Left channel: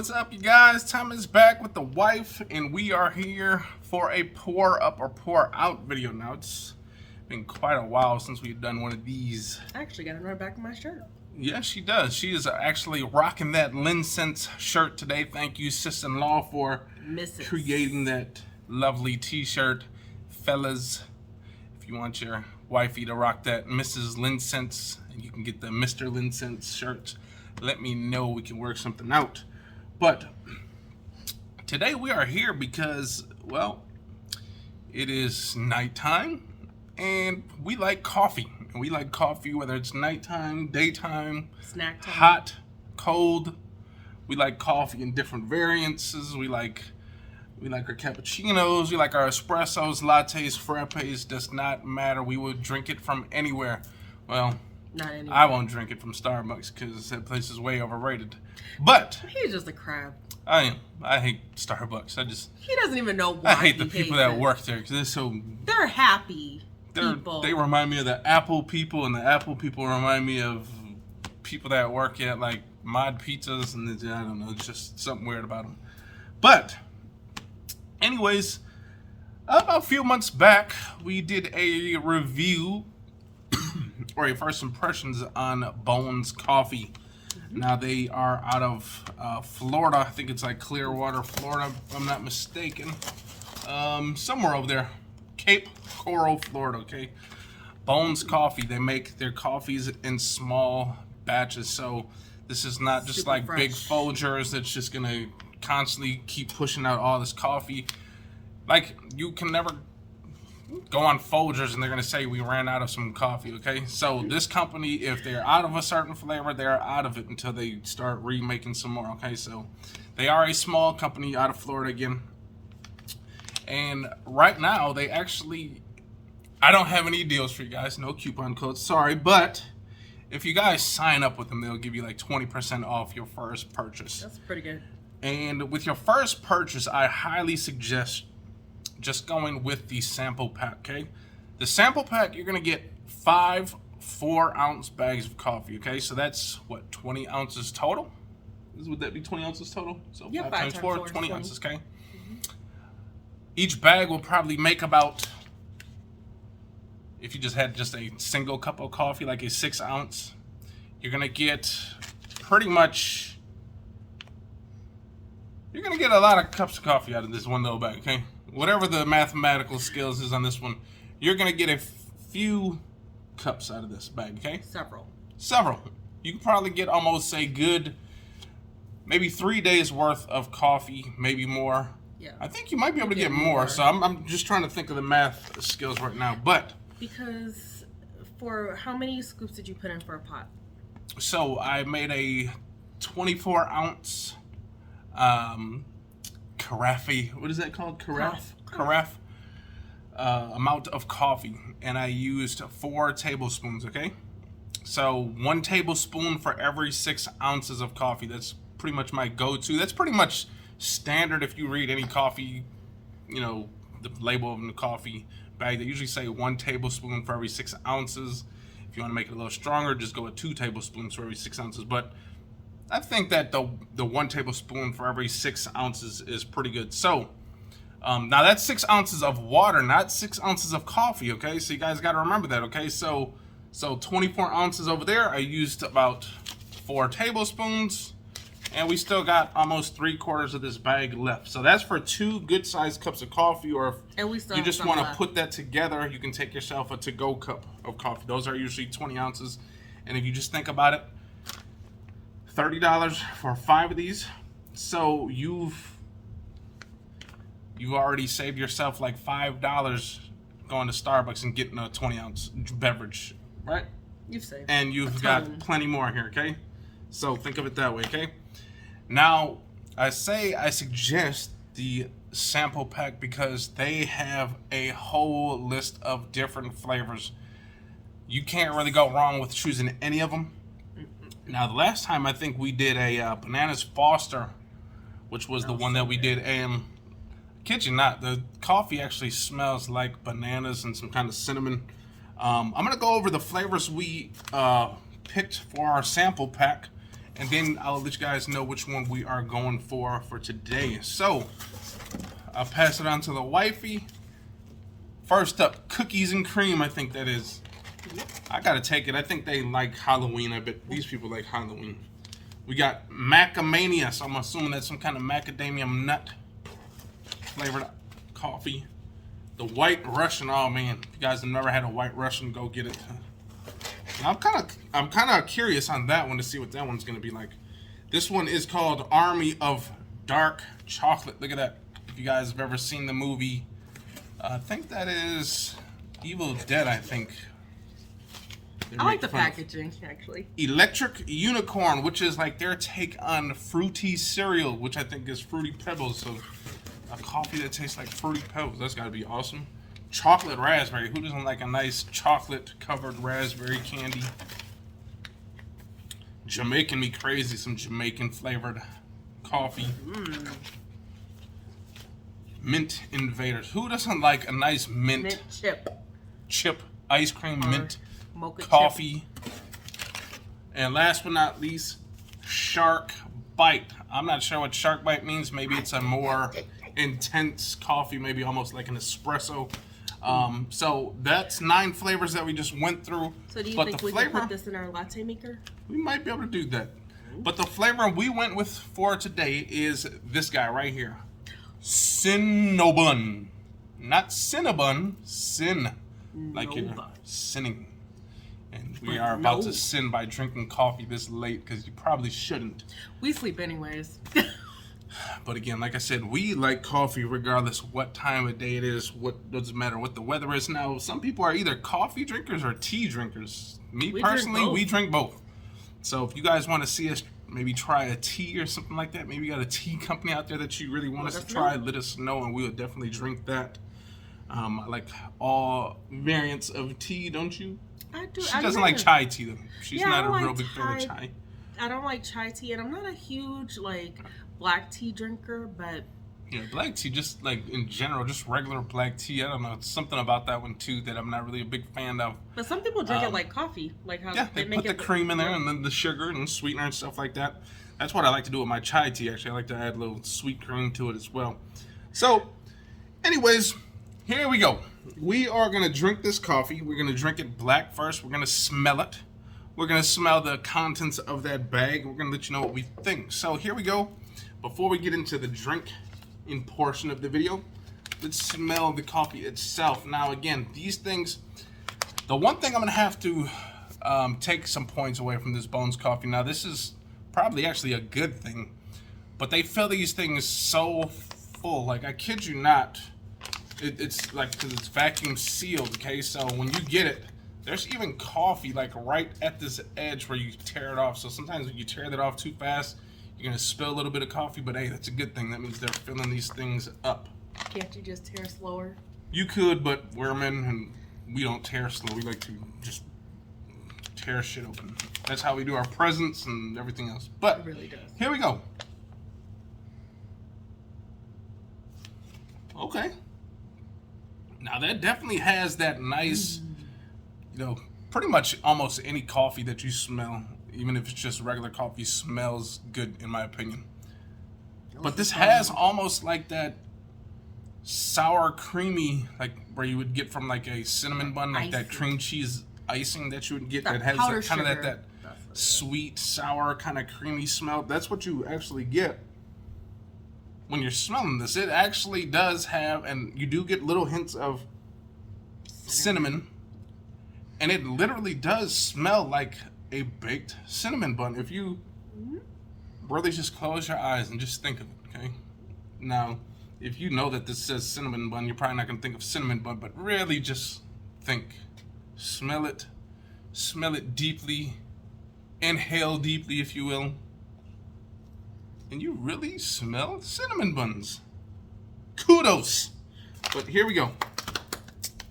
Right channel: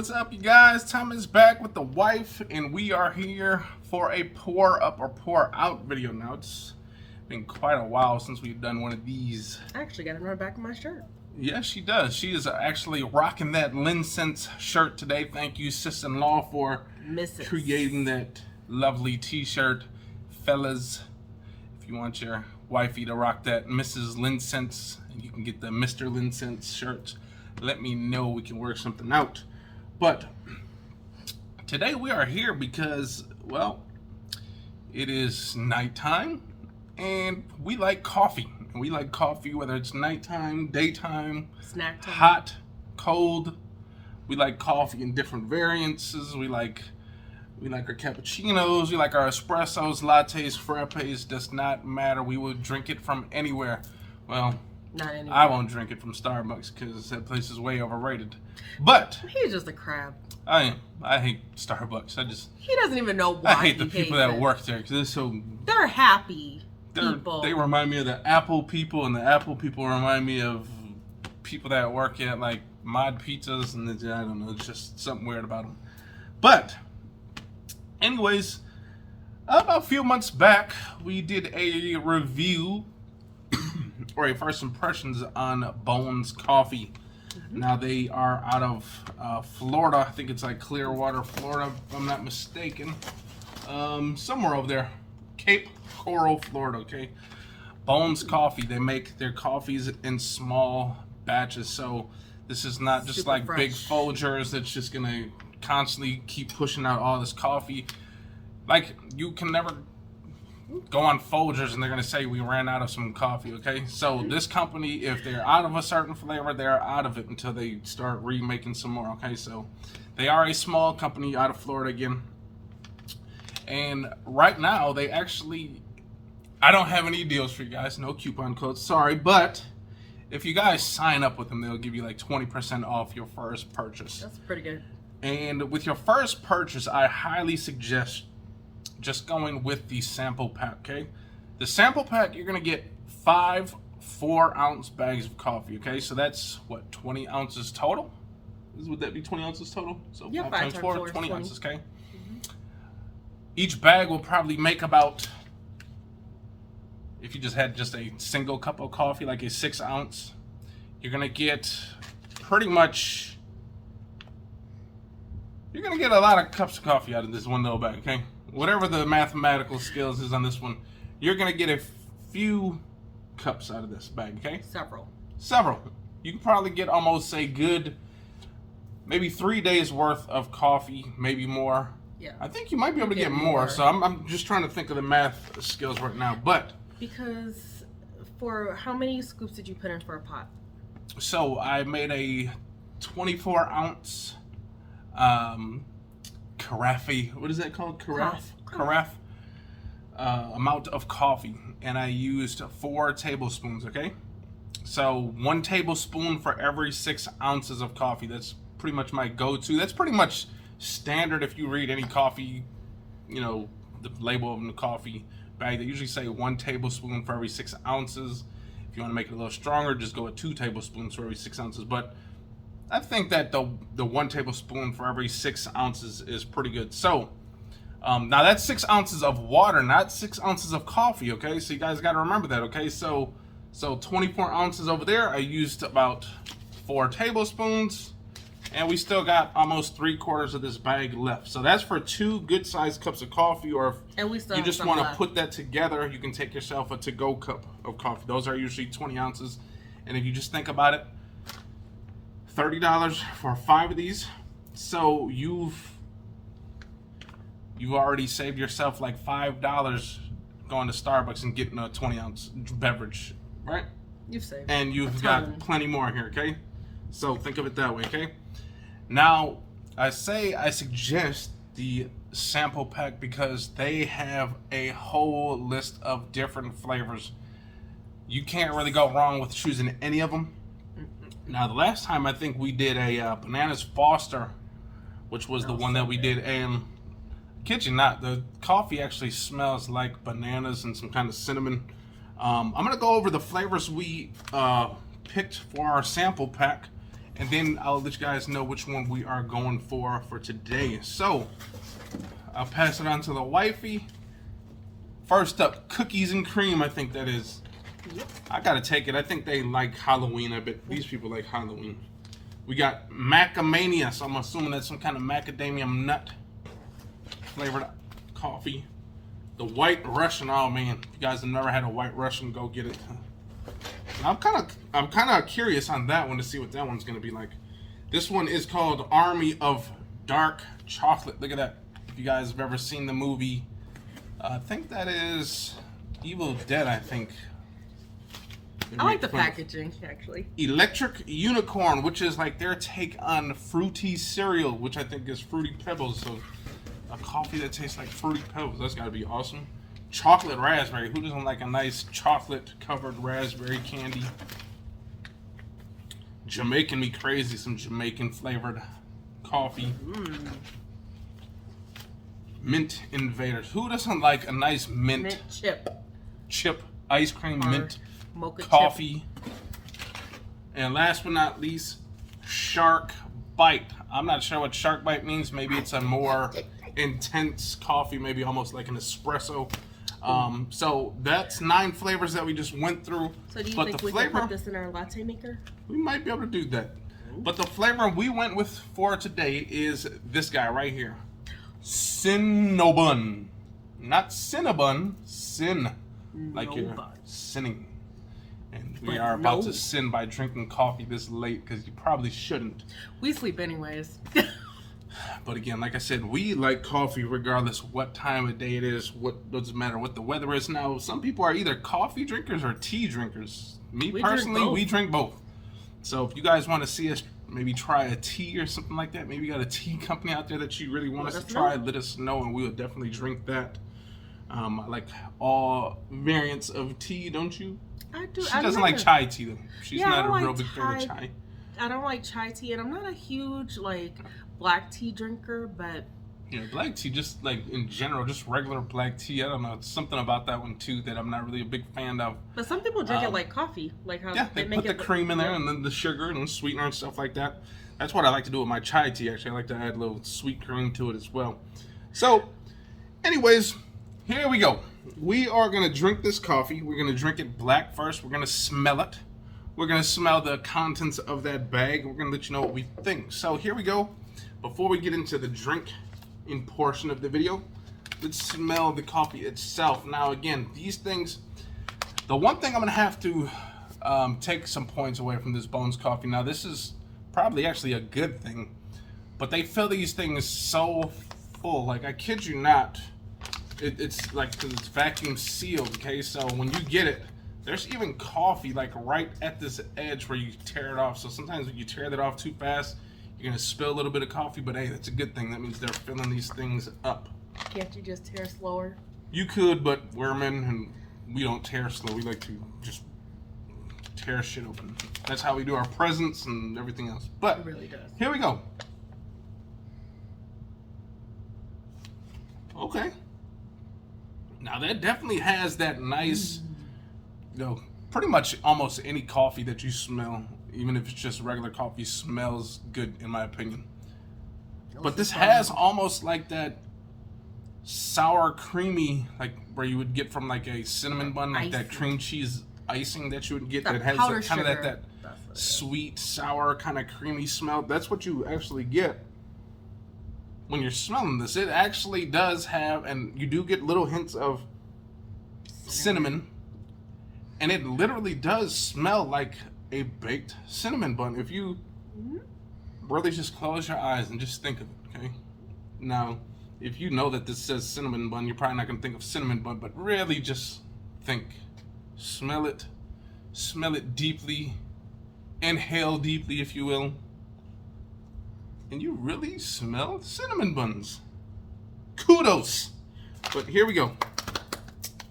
what's up, you guys? Tom is back with the wife, and we are here for a pour up or pour out video. Now, it's been quite a while since we've done one of these. I actually got it on the back of my shirt. Yes, she does. She is actually rocking that LinScents shirt today. Thank you, sister-in-law, for creating that lovely t-shirt. Fellas, if you want your wifey to rock that Mrs. LinScents, and you can get the Mr. LinScents shirt, let me know. We can work something out. But today we are here because, well, it is nighttime and we like coffee. We like coffee whether it's nighttime, daytime, snack time, hot, cold. We like coffee in different variances. We like our cappuccinos, we like our espressos, lattes, frappes. Does not matter. We will drink it from anywhere. Well, not anywhere. I won't drink it from Starbucks because that place is way overrated. But he's just a crab. I am. I hate Starbucks. He doesn't even know why. I hate the people that work there because they're happy people. They remind me of the Apple people, and the Apple people remind me of people that work at like Mod Pizzas, and I don't know, it's just something weird about them. But anyways, about a few months back, we did a review or a first impressions on Bones Coffee. Now they are out of Florida. I think it's like Clearwater, Florida, if I'm not mistaken. Somewhere over there, Cape Coral, Florida. Okay, Bones Coffee. They make their coffees in small batches, so this is not just super like fresh. big Folgers that's just gonna constantly keep pushing out all this coffee. Like, you can never go on Folgers and they're gonna say we ran out of some coffee. Okay, so this company, if they're out of a certain flavor, they're out of it until they start remaking some more. Okay, so they are a small company out of Florida again, and right now they actually, I don't have any deals for you guys, no coupon codes, sorry, but if you guys sign up with them, they'll give you like 20% off your first purchase. That's pretty good. And with your first purchase, I highly suggest just going with the sample pack. Okay, the sample pack, you're gonna get 5 4-ounce bags of coffee. Okay, so that's what, 20 ounces total? Would that be 20 ounces total? So yeah, 5 times 4, 20 20 ounces. Okay, each bag will probably make about, if you just had just a single cup of coffee, like a 6-ounce, you're gonna get pretty much, you're gonna get a lot of cups of coffee out of this one little bag. Okay, whatever the mathematical skills is on this one, you're gonna get a few cups out of this bag. Okay, several. You can probably get almost a good maybe 3 days worth of coffee, maybe more. Yeah, I think you might be able to get more. So I'm just trying to think of the math skills right now. But because, for how many scoops did you put in for a pot? So I made a 24-ounce carafe. What is that called? Carafe. Amount of coffee, and I used 4 tablespoons. Okay, so 1 tablespoon for every 6 ounces of coffee. That's pretty much my go-to. That's pretty much standard if you read any coffee, you know, the label of the coffee bag. They usually say 1 tablespoon for every 6 ounces. If you want to make it a little stronger, just go with 2 tablespoons for every 6 ounces. But I think that the 1 tablespoon for every 6 ounces is pretty good. So now that's 6 ounces of water, not 6 ounces of coffee. Okay, so you guys got to remember that. Okay, so 24 ounces over there. I used about 4 tablespoons, and we still got almost 3/4 of this bag left. So that's for 2 good-sized cups of coffee. Or if you just want to put that together, you can take yourself a to-go cup of coffee. Those are usually 20 ounces, and if you just think about it, $30 for 5 of these. So you've already saved yourself like $5 going to Starbucks and getting a 20-ounce beverage, right? You've saved. And you've got plenty more here. Okay, so think of it that way. Okay, now I suggest the sample pack because they have a whole list of different flavors. You can't really go wrong with choosing any of them. Now, the last time I think we did a Bananas Foster, which was the one that we did, and kid you not, the coffee actually smells like bananas and some kind of cinnamon. I'm gonna go over the flavors we picked for our sample pack, and then I'll let you guys know which one we are going for today. So I'll pass it on to the wifey. First up, cookies and cream, I think that is. Yep. I gotta take it. I think they like Halloween. I bet these people like Halloween. We got Macadamia, so I'm assuming that's some kind of macadamia nut flavored coffee. The White Russian, oh man, if you guys have never had a White Russian, go get it. I'm kind of curious on that one to see what that one's gonna be like. This one is called Army of Dark Chocolate. Look at that. If you guys have ever seen the movie, I think that is Evil Dead, I think. I like the packaging, actually. Electric Unicorn, which is like their take on fruity cereal, which I think is Fruity Pebbles. So a coffee that tastes like Fruity Pebbles. That's gotta be awesome. Chocolate raspberry. Who doesn't like a nice chocolate covered raspberry candy? Jamaican me crazy. Some Jamaican flavored coffee. Mint Invaders. Who doesn't like a nice mint chip ice cream or mint mocha coffee? And last but not least, Shark Bite. I'm not sure what Shark Bite means. Maybe it's a more intense coffee, maybe almost like an espresso. So that's 9 flavors that we just went through. So do you think we can put this in our latte maker? We might be able to do that. But the flavor we went with for today is this guy right here. Sinn A Bun. Not Cinnabon, sin. Like you're sinning. And we are about to sin by drinking coffee this late because you probably shouldn't. We sleep anyways. But again, like I said, we like coffee regardless what time of day it is. What doesn't matter what the weather is now. Some people are either coffee drinkers or tea drinkers. Me personally, we drink both. So if you guys want to see us maybe try a tea or something like that, maybe you got a tea company out there that you really want us to try, let us know and we will definitely drink that. I like all variants of tea, don't you? I do. She doesn't like chai tea though. She's not a real big fan of chai. I don't like chai tea, and I'm not a huge like black tea drinker, but yeah, black tea, just like in general, just regular black tea. I don't know, it's something about that one too that I'm not really a big fan of. But some people drink it like coffee, like how they make put the cream in there and then the sugar and the sweetener and stuff like that. That's what I like to do with my chai tea. Actually, I like to add a little sweet cream to it as well. So, anyways, here we go. We are gonna drink this coffee. We're gonna drink it black first. We're gonna smell it. We're gonna smell the contents of that bag. We're gonna let you know what we think. So here we go. Before we get into the drinking portion of the video, let's smell the coffee itself. Now again, these things, the one thing I'm gonna have to take some points away from this Bones coffee. Now this is probably actually a good thing, but they fill these things so full. Like I kid you not, it's like, because it's vacuum sealed, okay? So when you get it, there's even coffee like right at this edge where you tear it off. So sometimes if you tear that off too fast, you're gonna spill a little bit of coffee, but hey, that's a good thing. That means they're filling these things up. Can't you just tear slower? You could, but we're men and we don't tear slow. We like to just tear shit open. That's how we do our presents and everything else. But it really does. Here we go. Okay. Now that definitely has that nice, you know, pretty much almost any coffee that you smell, even if it's just regular coffee, smells good in my opinion. But this has almost like that sour creamy, like where you would get from like a cinnamon bun, like that cream cheese icing that you would get that has like kind of that sweet, sour, kind of creamy smell. That's what you actually get when you're smelling this. It actually does have, and you do get little hints of cinnamon, and it literally does smell like a baked cinnamon bun. If you really just close your eyes and just think of it, okay? Now, if you know that this says cinnamon bun, you're probably not gonna think of cinnamon bun, but really just think, smell it deeply, inhale deeply, if you will, and you really smell cinnamon buns. Kudos. But here we go.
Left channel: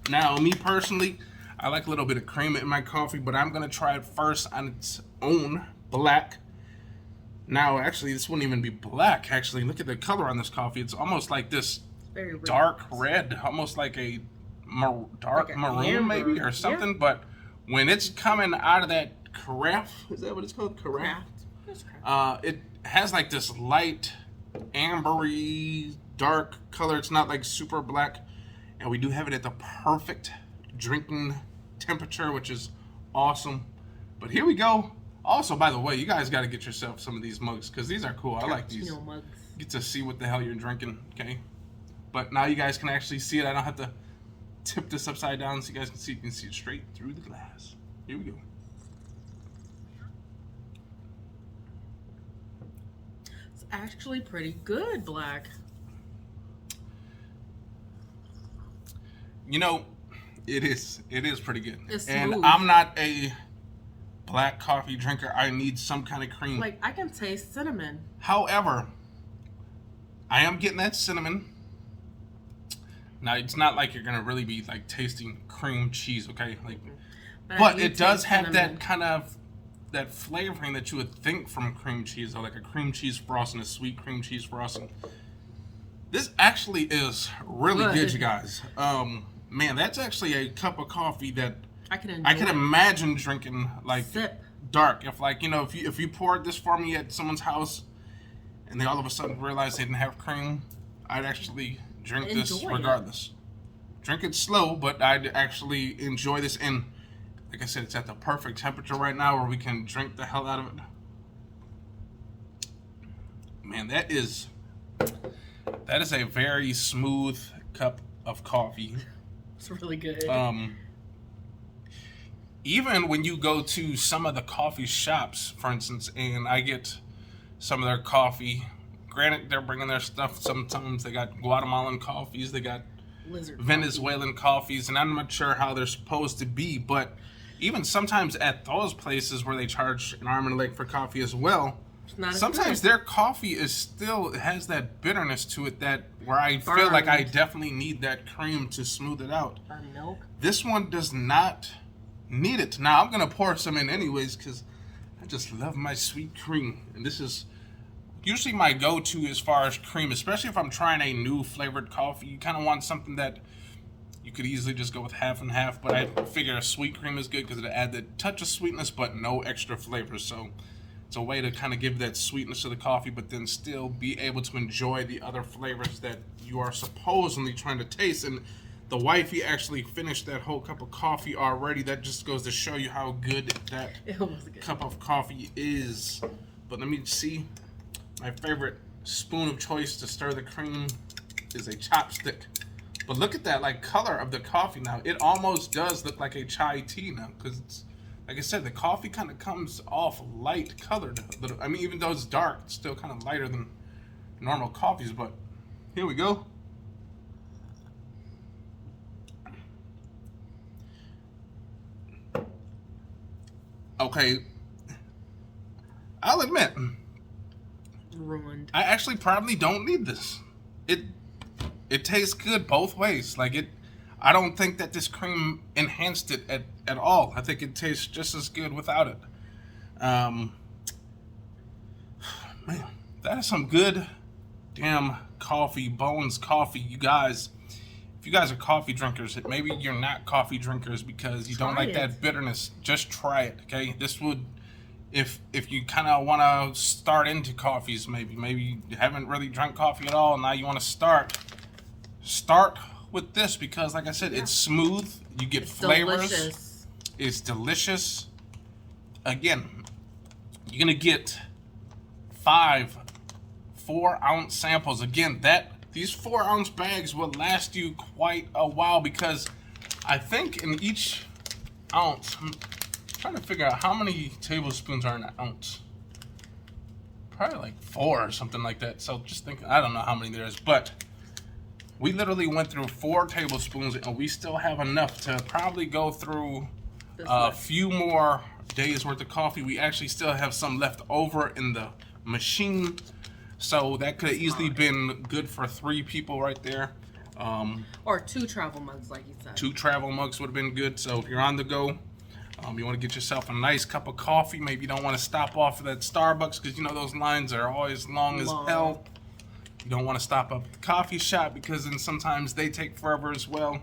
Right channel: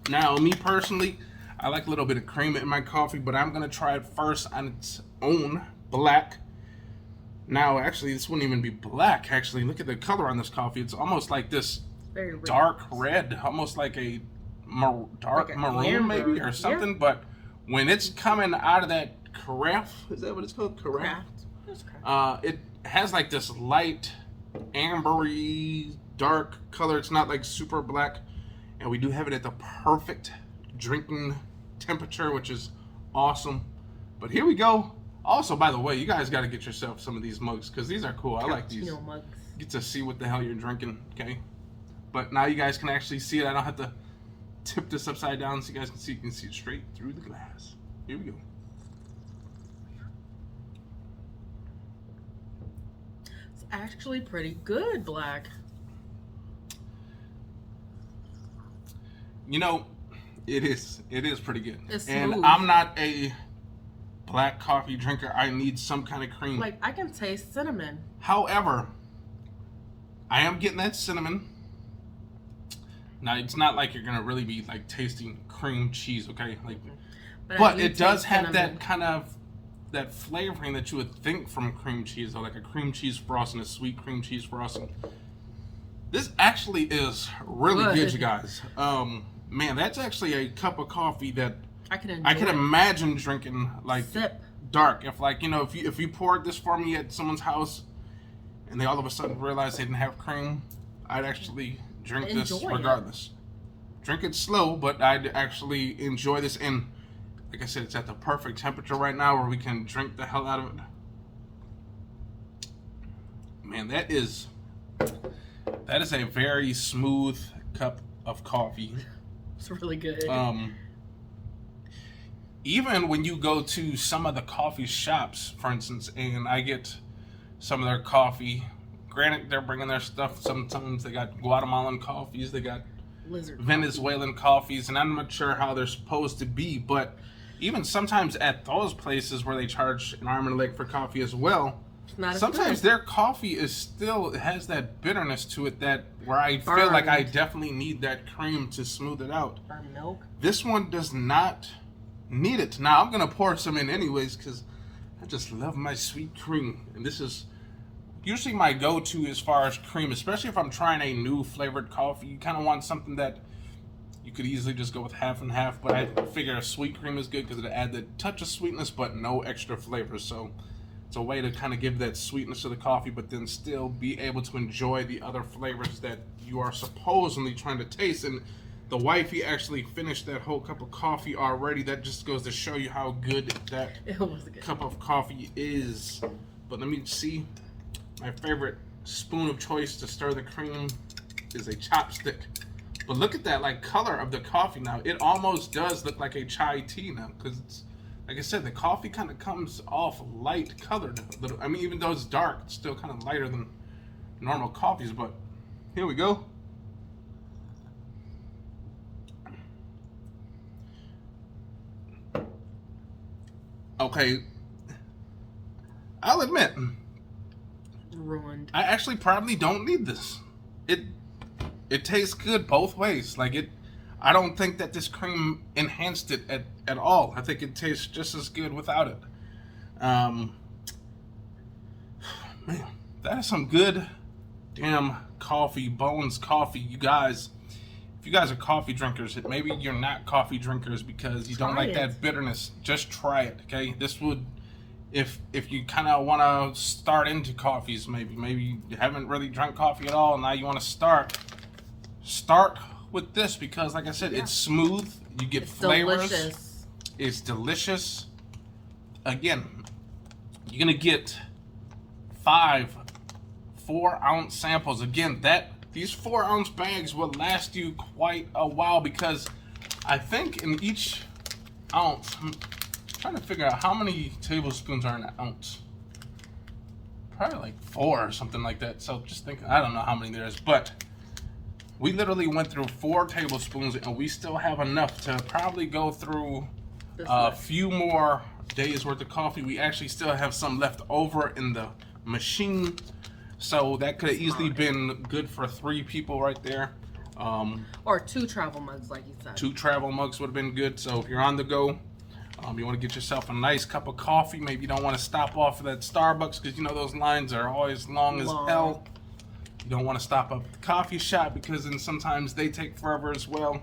Now, me personally, I like a little bit of cream in my coffee, but I'm gonna try it first on its own, black. Now, actually, this wouldn't even be black. Actually, look at the color on this coffee. It's almost like this dark red, almost like a dark maroon maybe or something. Yeah. But when it's coming out of that carafe, is that what it's called? Carafe? Okay. It has like this light ambery dark color. It's not like super black, and we do have it at the perfect drinking temperature, which is awesome. But here we go. Also, by the way, you guys got to get yourself some of these mugs because these are cool. I like these. Mugs. Get to see what the hell you're drinking, okay? But now you guys can actually see it. I don't have to tip this upside down so you guys can see. You can see it straight through the glass. Here we go. It's actually pretty good, Black. You know, it is pretty good. It's and smooth. I'm not a black coffee drinker. I need some kind of cream. Like, I can taste cinnamon. However, I am getting that cinnamon. Now, it's not like you're gonna really be like tasting cream cheese, okay? Like, but it does have cinnamon. That kind of that flavoring that you would think from cream cheese, or like a cream cheese frosting, a sweet cream cheese frosting. This actually is really good, you guys. Man, that's actually a cup of coffee that I can imagine drinking like dark. If like, you know, if you poured this for me at someone's house and they all of a sudden realized they didn't have cream, I'd actually drink this regardless. Drink it slow, but I'd actually enjoy this. And like I said, it's at the perfect temperature right now where we can drink the hell out of it. Man, that is a very smooth cup of coffee. It's really good. Even when you go to some of the coffee shops, for instance, and I get some of their coffee, granted they're bringing their stuff, sometimes they got Guatemalan coffees, they got Venezuelan coffees, and I'm not sure how they're supposed to be, but even sometimes at those places where they charge an arm and a leg for coffee as well, sometimes their coffee is still has that bitterness to it that where I feel like I definitely need that cream to smooth it out. Or milk. This one does not need it. Now I'm gonna pour some in anyways because I just love my sweet cream, and this is usually my go-to as far as cream, especially if I'm trying a new flavored coffee. You kind of want something that you could easily just go with half and half, but I figure a sweet cream is good because it'll add the touch of sweetness but no extra flavor. So it's a way to kind of give that sweetness to the coffee, but then still be able to enjoy the other flavors that you are supposedly trying to taste. And the wifey actually finished that whole cup of coffee already. That just goes to show you how good that cup of coffee is. But let me see. My favorite spoon of choice to stir the cream is a chopstick. But look at that like color of the coffee now. It almost does look like a chai tea now because it's, like I said, the coffee kind of comes off light colored. I mean, even though it's dark, it's still kind of lighter than normal coffees. But here we go. Okay, I'll admit, ruined. I actually probably don't need this. It tastes good both ways. Like I don't think that this cream enhanced it at all. I think it tastes just as good without it. Man, that is some good damn coffee, Bones coffee. You guys, if you guys are coffee drinkers, maybe you're not coffee drinkers because you don't like that bitterness, just try it, okay? This would, if you kind of want to start into coffees, maybe you haven't really drank coffee at all, and now you want to start with this because, like I said, it's smooth. You get flavors. Delicious. It's delicious. Again, you're gonna get 5 4-ounce samples. Again, these 4-ounce bags will last you quite a while because I think in each ounce, I'm trying to figure out how many tablespoons are in an ounce. Probably like 4 or something like that. So just think, I don't know how many there is, but we literally went through 4 tablespoons and we still have enough to probably go through a few more days worth of coffee. We actually still have some left over in the machine. So that could have easily been good for 3 people right there. Or 2 travel mugs, like you said. 2 travel mugs would have been good. So if you're on the go, you want to get yourself a nice cup of coffee. Maybe you don't want to stop off at that Starbucks because you know those lines are always long as hell. You don't want to stop up at the coffee shop because then sometimes they take forever as well.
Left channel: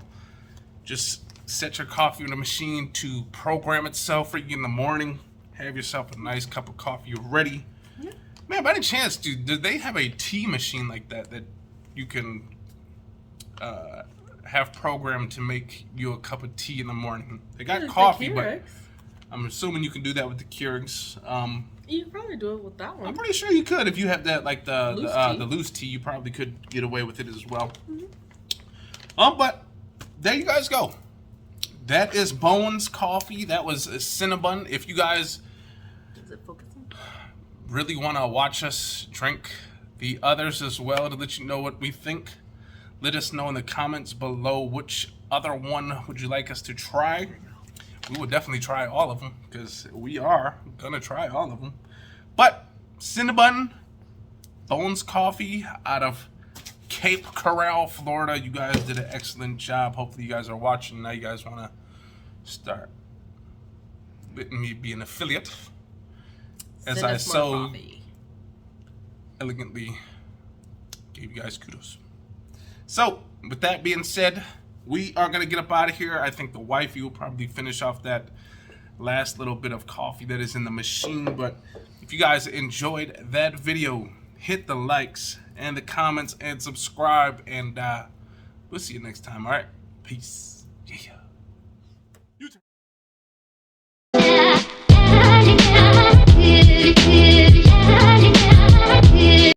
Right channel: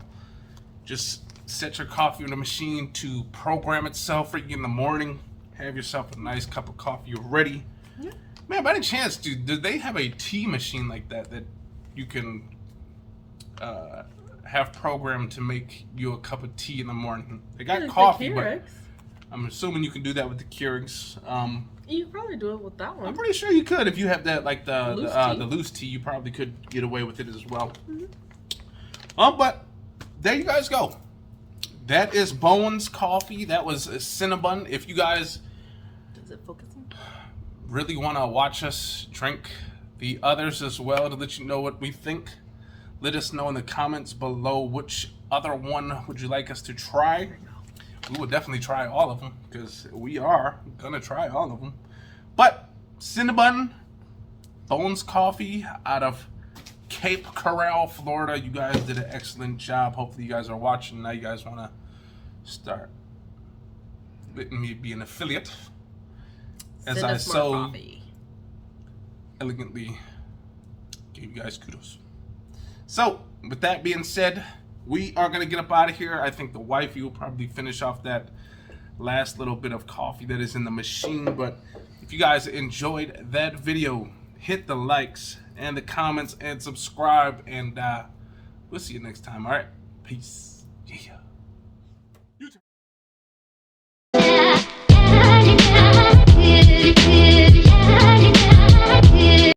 Just set your coffee in the machine to program itself for you in the morning. Have yourself a nice cup of coffee ready. Yeah. Man, by any chance, do they have a tea machine like that you can have programmed to make you a cup of tea in the morning? They got coffee, but I'm assuming you can do that with the Keurigs. You can probably do it with that one. I'm pretty sure you could if you have that, like the loose tea. You probably could get away with it as well. But there you guys go. That is Bowen's coffee. That was a Sinn A Bun. If you guys really want to watch us drink the others as well to let you know what we think, let us know in the comments below which other one would you like us to try. We would definitely try all of them because we are gonna try all of them. But Sinn A Bun, Bowen's coffee out of Cape Coral, Florida. You guys did an excellent job. Hopefully you guys are watching. Now you guys want to start letting me be an affiliate as I so elegantly gave you guys kudos. So with that being said, we are going to get up out of here. I think the wifey will probably finish off that last little bit of coffee that is in the machine. But if you guys enjoyed that video, hit the likes and the comments and subscribe, and we'll see you next time. All right, peace. Yeah.